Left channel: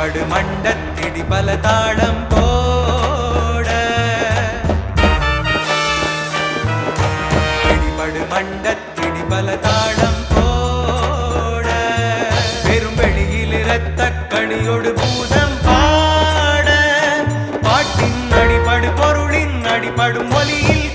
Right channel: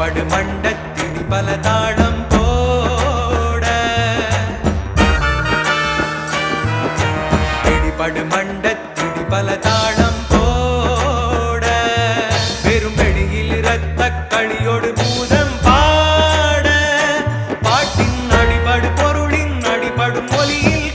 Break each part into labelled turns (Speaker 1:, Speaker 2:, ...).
Speaker 1: படு மண்டத்திடி பல தாளம் போட. பிடிபடு மண்டத்திடி பல தாளம் போட. பெரும் வெளியில் இரத்த கணியோடு பூதம் பாட. பாட்டின் அடிபடு பொருளின் அடிபடும் மொழியில்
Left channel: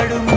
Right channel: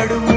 Speaker 1: பாடும்?